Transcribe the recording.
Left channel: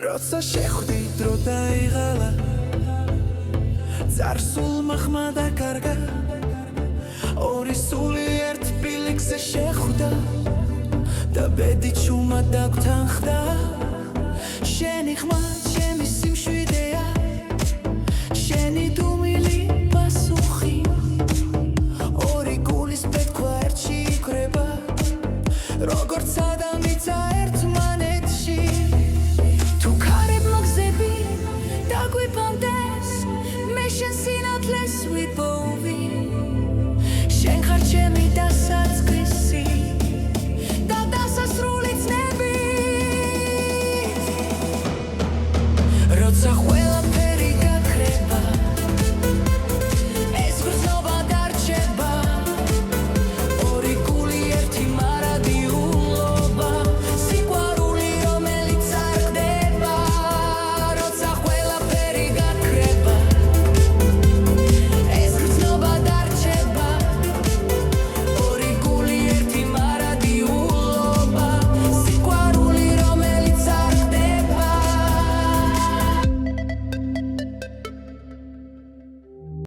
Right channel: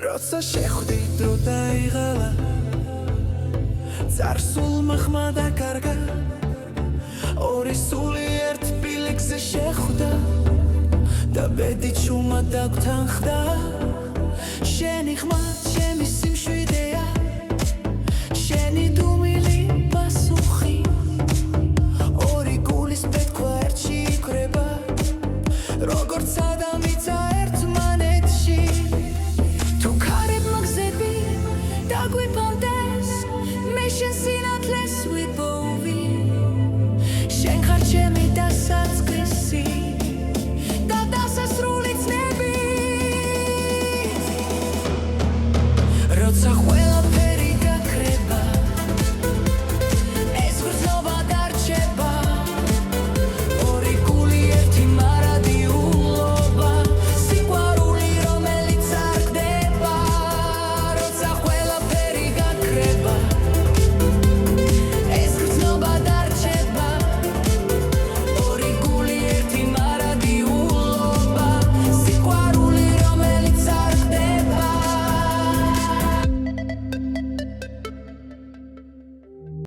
როცა შეხვდი დრო დაიღალა წარსულმა ხმა დაკარგა ორი სული ერთ ბილიკზე შეხვდა და ბედი ჩუმად დაგვთანხდა შენი ხმა ჩემი სიმშვიდეა შენი დუმილი პასუხი ორი გულის პეთქვა ერთში იქრება როგორც ადამიცა ერთმანეთში თუ ქარებ მოგზები დაგვიფანტეს მე შენ სინათლეს ვიპოვი შენ ხარ ჩემი დასაწყისი და დასასრული ცნებით როცა